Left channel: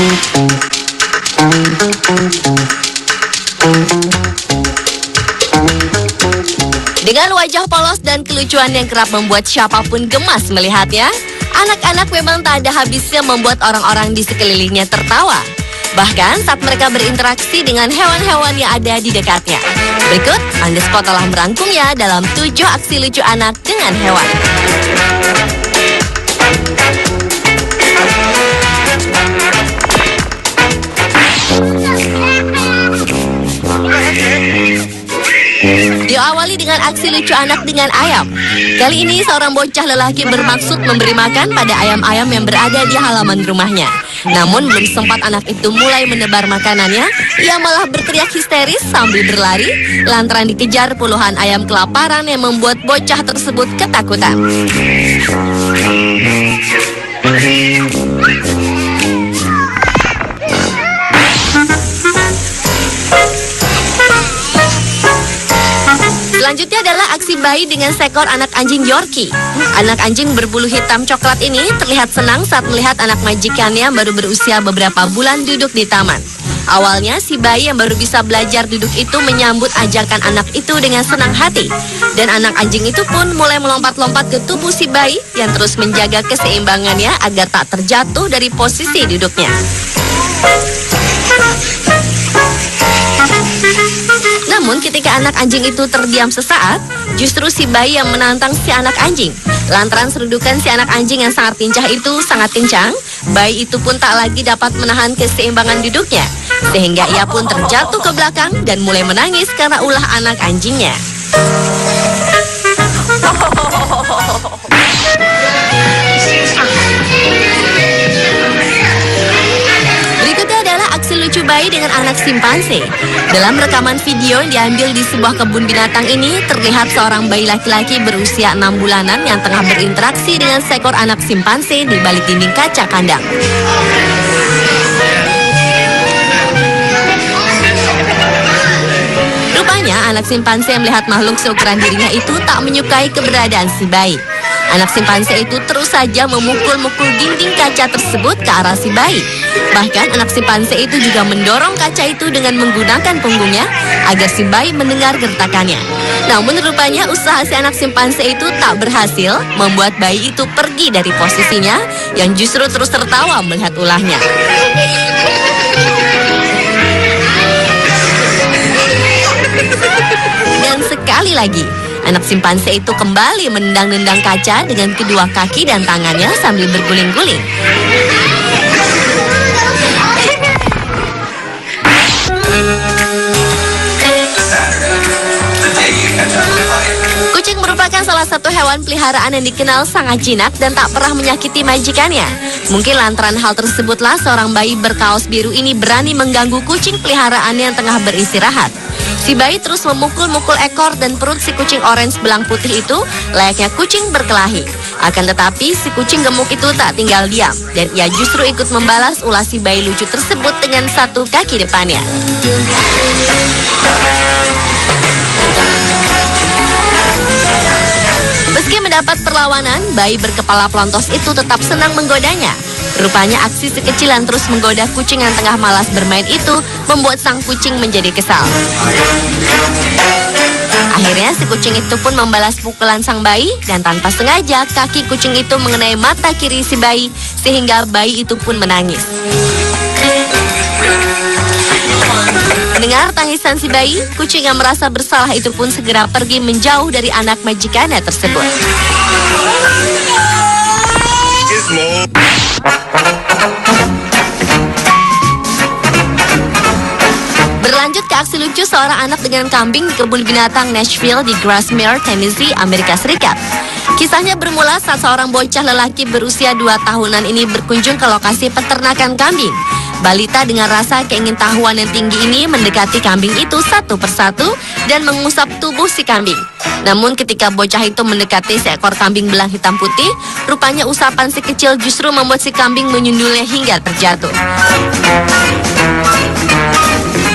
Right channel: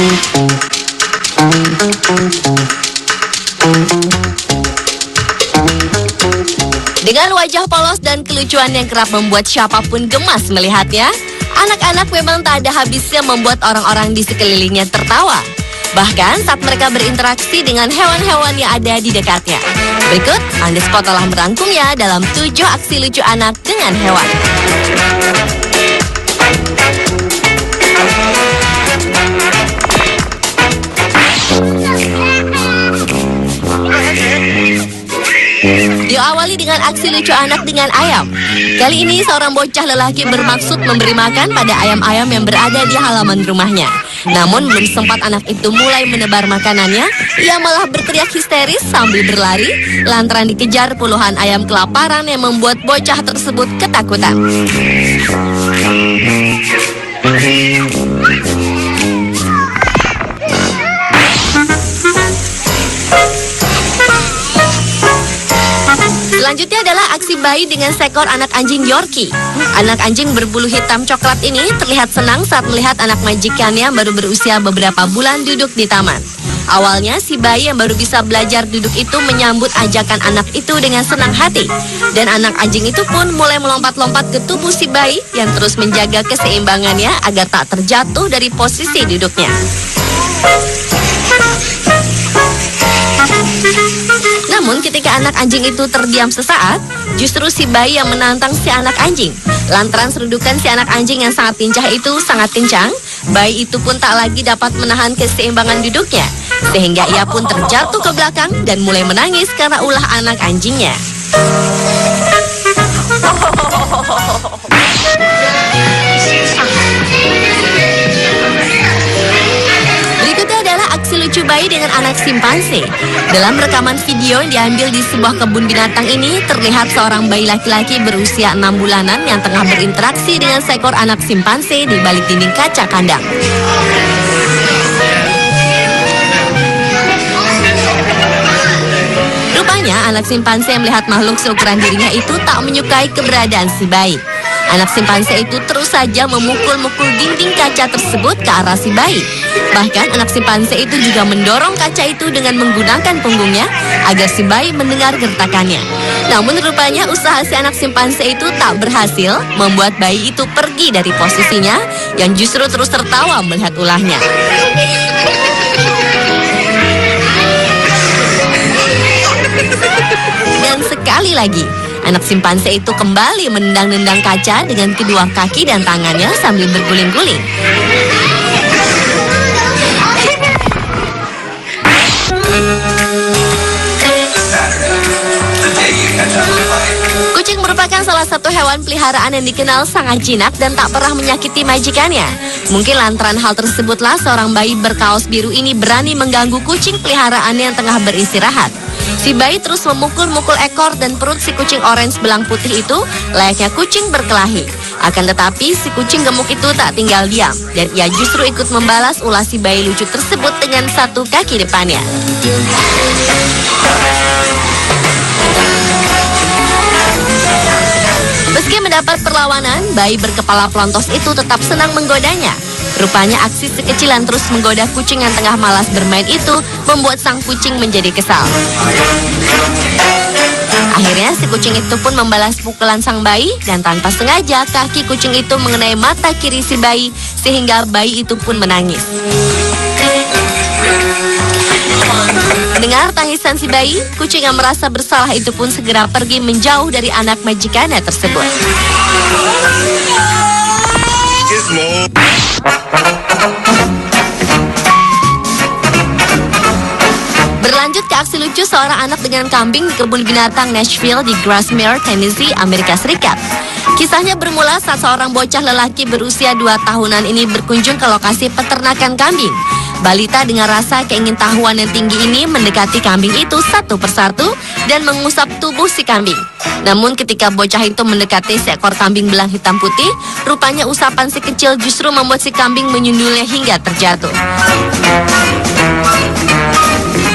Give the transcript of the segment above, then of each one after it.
Dengan wajah polos dan kelucuan yang kerap membuat siapapun gemas melihatnya, anak-anak memang tak ada habisnya membuat orang-orang di sekelilingnya tertawa. Bahkan saat mereka berinteraksi dengan hewan-hewan yang ada di dekatnya. Berikut, Underspot telah merangkumnya dalam 7 aksi lucu anak dengan hewan. Diawali dengan aksi lucu anak dengan ayam. Kali ini seorang bocah lelaki bermaksud memberi makan pada ayam-ayam yang berada di halaman rumahnya. Namun sempat anak itu mulai menebar makanannya, ia malah berteriak histeris sambil berlari lantaran dikejar puluhan ayam kelaparan yang membuat bocah tersebut ketakutan. Selanjutnya adalah aksi bayi dengan seekor anak anjing Yorkie. Anak anjing berbulu hitam coklat ini terlihat senang saat melihat anak majikannya baru berusia beberapa bulan duduk di taman. Awalnya si bayi yang baru bisa belajar duduk itu menyambut ajakan anak itu dengan senang hati. Dan anak anjing itu pun mulai melompat-lompat ke tubuh si bayi yang terus menjaga keseimbangannya agar tak terjatuh dari posisi duduknya. Namun ketika anak anjing itu terdiam sesaat, justru si bayi yang menantang si anak anjing. Lantaran serudukan si anak anjing yang sangat pincang itu sangat pincang, bayi itu pun tak lagi dapat menahan keseimbangan duduknya. Sehingga ia pun terjatuh ke belakang dan mulai menangis karena ulah anak anjingnya. Lucu bayi dengan anak simpanse. Dalam rekaman video yang diambil di sebuah kebun binatang ini, terlihat seorang bayi laki-laki berusia 6 bulanan yang tengah berinteraksi dengan seekor anak simpanse di balik dinding kaca kandang. Rupanya anak simpanse yang melihat makhluk seukuran dirinya itu tak menyukai keberadaan si bayi. Anak simpanse itu terus saja memukul-mukul dinding kaca tersebut ke arah si bayi. Bahkan anak simpanse itu juga mendorong kaca itu dengan menggunakan punggungnya agar si bayi mendengar gertakannya. Namun rupanya usaha si anak simpanse itu tak berhasil membuat bayi itu pergi dari posisinya yang justru terus tertawa melihat ulahnya. Dan sekali lagi, anak simpanse itu kembali menendang-nendang kaca dengan kedua kaki dan tangannya sambil berguling-guling. Kucing merupakan salah satu hewan peliharaan yang dikenal sangat jinak dan tak pernah menyakiti majikannya. Mungkin lantaran hal tersebutlah seorang bayi berkaos biru ini berani mengganggu kucing peliharaannya yang tengah beristirahat. Si bayi terus memukul-mukul ekor dan perut si kucing orange belang putih itu layaknya kucing berkelahi. Akan tetapi si kucing gemuk itu tak tinggal diam dan ia justru ikut membalas ulah si bayi lucu tersebut dengan satu kaki depannya. Meski mendapat perlawanan, bayi berkepala pelontos itu tetap senang menggodanya. Rupanya aksi si kecil yang terus menggoda kucing yang tengah malas bermain itu membuat sang kucing menjadi kesal. Akhirnya si kucing itu pun membalas pukulan sang bayi dan tanpa sengaja kaki kucing itu mengenai mata kiri si bayi sehingga bayi itu pun menangis. Mendengar tangisan si bayi, kucing yang merasa bersalah itu pun segera pergi menjauh dari anak majikannya tersebut. Berlanjut ke aksi lucu seorang anak dengan kambing di kebun binatang Nashville di Grasmere, Tennessee, Amerika Serikat. Kisahnya bermula saat seorang bocah lelaki berusia 2 tahunan ini berkunjung ke lokasi peternakan kambing. Balita dengan rasa keingintahuan yang tinggi ini mendekati kambing itu satu persatu dan mengusap tubuh si kambing. Namun ketika bocah itu mendekati seekor kambing belang hitam putih, rupanya usapan si kecil justru membuat si kambing menyundulnya hingga terjatuh.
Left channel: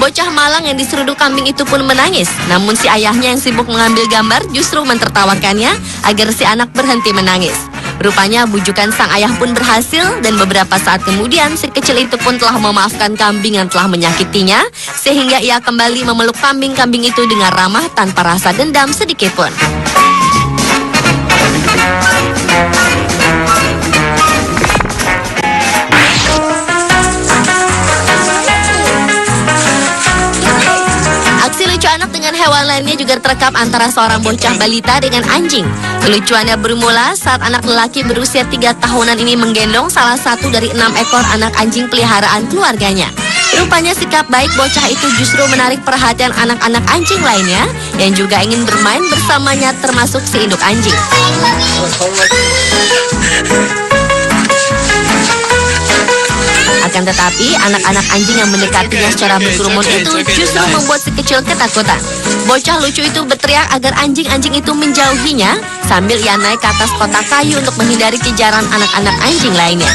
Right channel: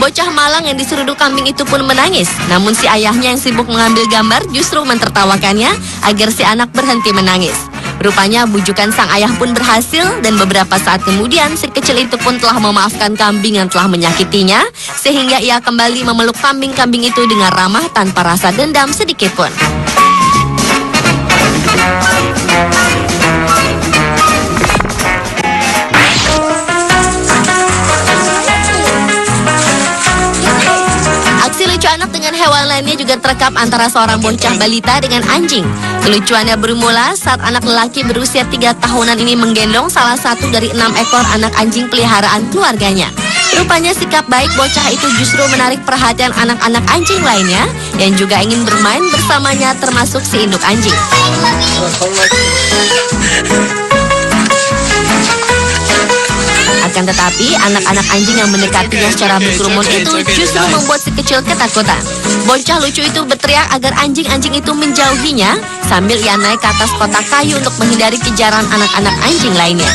Bocah malang yang diseruduk kambing itu pun menangis. Namun si ayahnya yang sibuk mengambil gambar justru mentertawakannya agar si anak berhenti menangis. Rupanya bujukan sang ayah pun berhasil dan beberapa saat kemudian si kecil itu pun telah memaafkan kambing yang telah menyakitinya sehingga ia kembali memeluk kambing-kambing itu dengan ramah tanpa rasa dendam sedikit pun. Aksi lucu anak dengan hewan lainnya juga terekam antara seorang bocah balita dengan anjing. Kelucuannya bermula saat anak lelaki berusia 3 tahunan ini menggendong salah satu dari 6 ekor anak anjing peliharaan keluarganya. Rupanya sikap baik bocah itu justru menarik perhatian anak-anak anjing lainnya yang juga ingin bermain bersamanya termasuk si induk anjing. Akan tetapi, anak-anak anjing yang mendekatinya secara berkerumun itu justru membuat si kecil ketakutan. Bocah lucu itu berteriak agar anjing-anjing itu menjauhinya sambil ia naik ke atas kotak kayu untuk menghindari kejaran anak-anak anjing lainnya.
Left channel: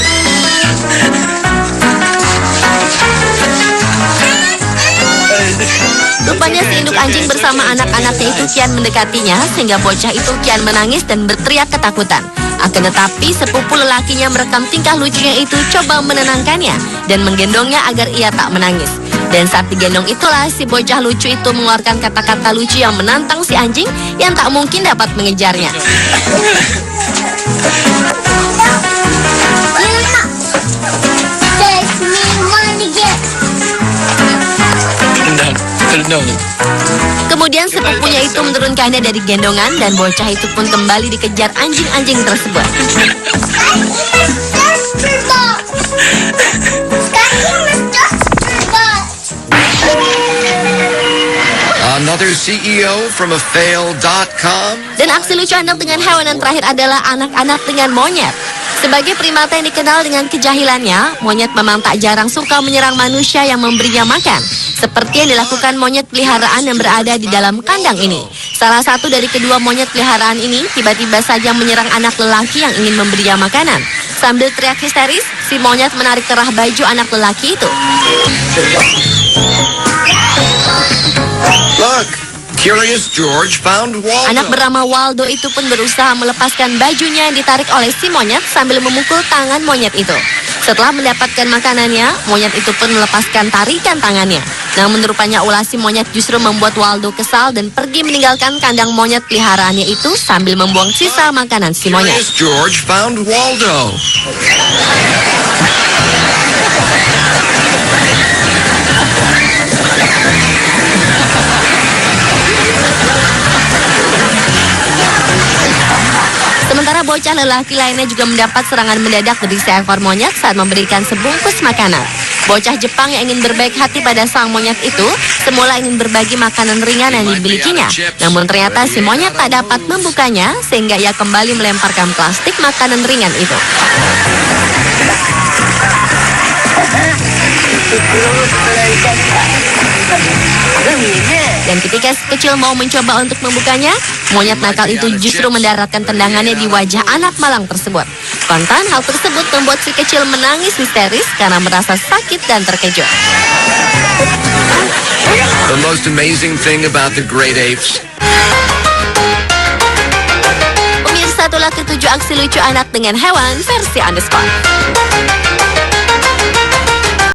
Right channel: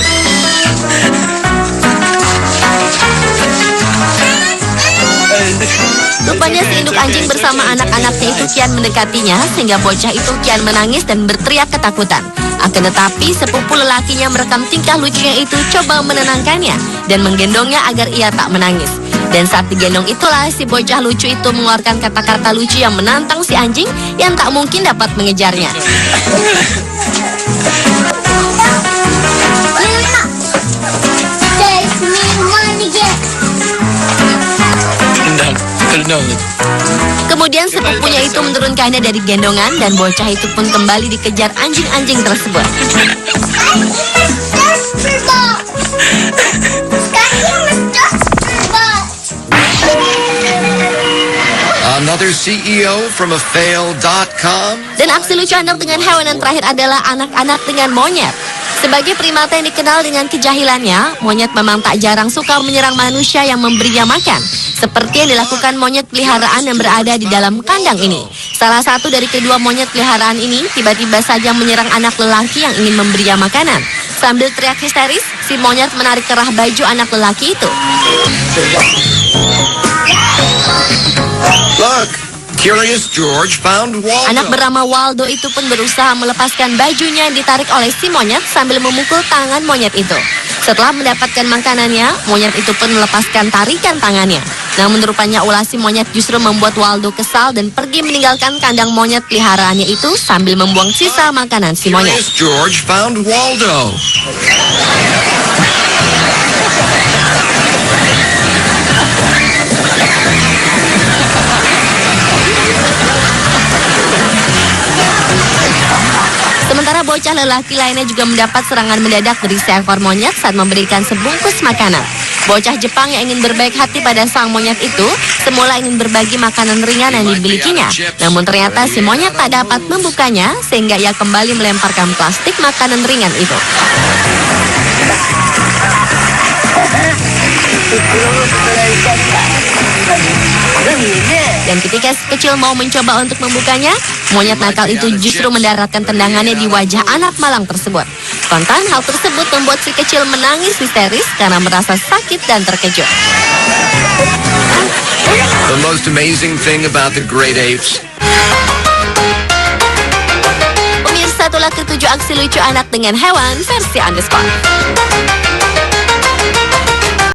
Rupanya si induk anjing bersama anak-anaknya itu kian mendekatinya sehingga bocah itu kian menangis dan berteriak ketakutan. Akan tetapi sepupu lelakinya merekam tingkah lucunya itu coba menenangkannya dan menggendongnya agar ia tak menangis. Dan saat digendong itulah si bocah lucu itu mengeluarkan kata-kata lucu yang menantang si anjing yang tak mungkin dapat mengejarnya. Kemudian sepupunya itu menurunkannya dari gendongan dan bocah itu pun kembali dikejar anjing-anjing tersebut. Another CEO from afail.com. Dan aksi lucu anak dengan hewan yang terakhir adalah anak-anak dengan monyet. Sebagai primata yang dikenal dengan kejahilannya, monyet memang tak jarang suka menyerang manusia yang memberinya makan. Seperti yang dilakukan monyet peliharaan yang berada di dalam kandang ini. Salah satu dari kedua monyet peliharaan ini tiba-tiba saja menyerang anak lelaki yang ingin memberinya makanan. Sambil teriak histeris, si monyet menarik kerah baju anak lelaki itu. Look, Curious George found Waldo. Anak bernama Waldo itu pun berusaha melepaskan bajunya yang ditarik oleh si monyet sambil memukul tangan monyet itu. Setelah mendapatkan makanannya, monyet itu pun melepaskan tarikan tangannya. Namun rupanya ulah si monyet justru membuat Waldo kesal dan pergi meninggalkan kandang monyet peliharaannya itu sambil membuang sisa makanan si monyet. Curious George found Waldo. Bocah lelaki lainnya juga mendapat serangan mendadak dari seekor monyet saat memberikan sebungkus makanan. Bocah Jepang yang ingin berbaik hati pada sang monyet itu semula ingin berbagi makanan ringan yang dimilikinya. Namun ternyata si monyet tak dapat membukanya sehingga ia kembali melemparkan plastik makanan ringan itu. Dan ketika si kecil mau mencoba untuk membukanya, monyet nakal itu justru mendaratkan tendangannya di wajah anak malang tersebut. Spontan, hal tersebut membuat si kecil menangis histeris karena merasa sakit dan terkejut. The most amazing thing about the great apes. Pemirsa, itulah ketujuh aksi lucu anak dengan hewan versi Underscore.